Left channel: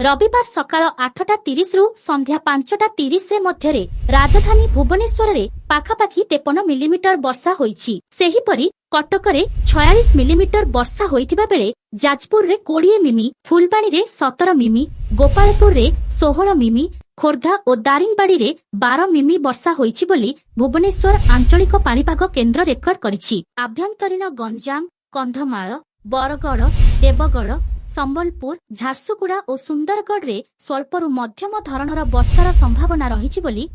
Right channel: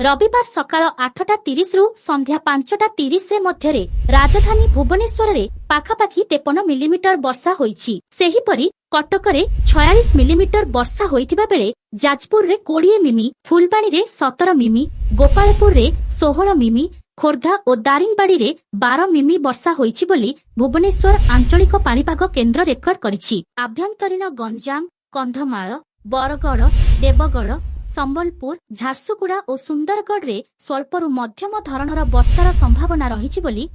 रविवार सकाळ 8:30 रु संध्या 5:30 मध्य राजधानी भुवनेश्वर रे पाखापाखि 53 मिलीमीटर वर्षा होईछि। सेहीपरि कटक रे 46 मिलीमीटर वर्षा होइथिबा बेले जाजपुर रे 20 मिमी, फुलबाणी रे 17 मिमी, गोपालपुर रे 16 मिमी, खोर्धा और दारिंगबाड़ी रे 12 मिमी वर्षा होईछि बोली भुवनेश्वर आंचलिक पाणीपाग केन्द्र रेकर्ड करिछि। आभ्यंतरीण गंजाम, कंधमाल, बरगड़, देवगढ़, संबलपुर, झारसुगुड़ा और सुंदरगढ़ रे स्वल्परु मध्यम धरणर वर्षार संभावना रहिछि बोली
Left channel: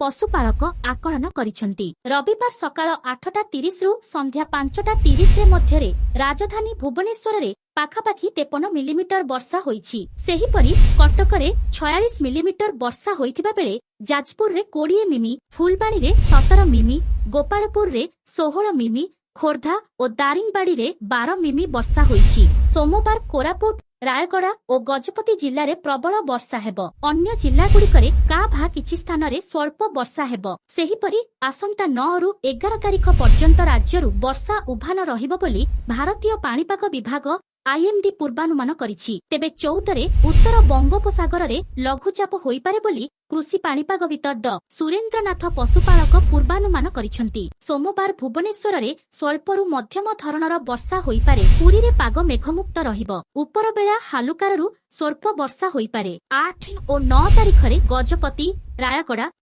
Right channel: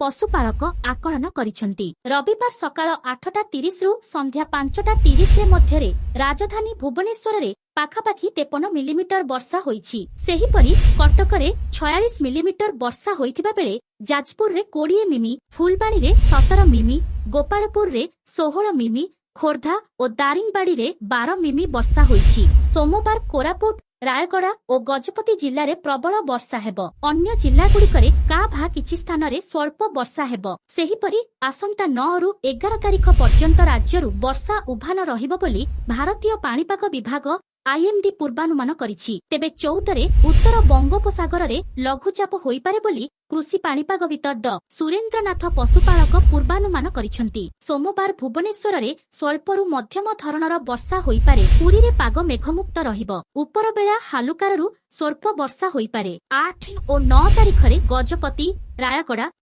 पशुपालक आकलन करिसंती। रविवार सकाळ 8:30 रु संध्या 5:30 मध्य राजधानी भुवनेश्वर रे पाखापाखि 53 मिलीमीटर वर्षा होईछि। सेहीपरि कटक रे 46 मिलीमीटर वर्षा होइथिबा बेले जाजपुर रे 20 मिमी, फुलबाणी रे 17 मिमी, गोपालपुर रे 16 मिमी, खोर्धा और दारिंगबाड़ी रे 12 मिमी वर्षा होईछि। सोमवार कोरापुट, रायगड़ा और गजपति जिल्ला रे प्रबल वर्षा हेबो। अन्य जिल्ला गुड़िकरे का भा किछि स्थान रे स्वल्प वर्षा हेबो। सेहीपरि आसंता 9 रु 11 तारिख पर्यंत राज्यरु वर्षा उभान रहिबो बोली भारतीय पाणीपाग विभाग आईएमडी पूर्वानुमान करिछि। तेबे 14 रे उत्तर बंगोपसागर रे लघुचाप होइपारे बोली कृषि पाणीपागविद सुरेन्द्रनाथ पशुपालक पूर्वानुमान करिसंती। सोमवार भुवनेश्वर रे स्वल्परु मध्यम धरणर वर्षा होइपारे। पुरी रे पाग मेघमुक्त रहिबो। उपर बेला हालुकारु स्वल्प वर्षा होइपारे। 8 और 9 तारिख रे गजपति, रायगड़ा,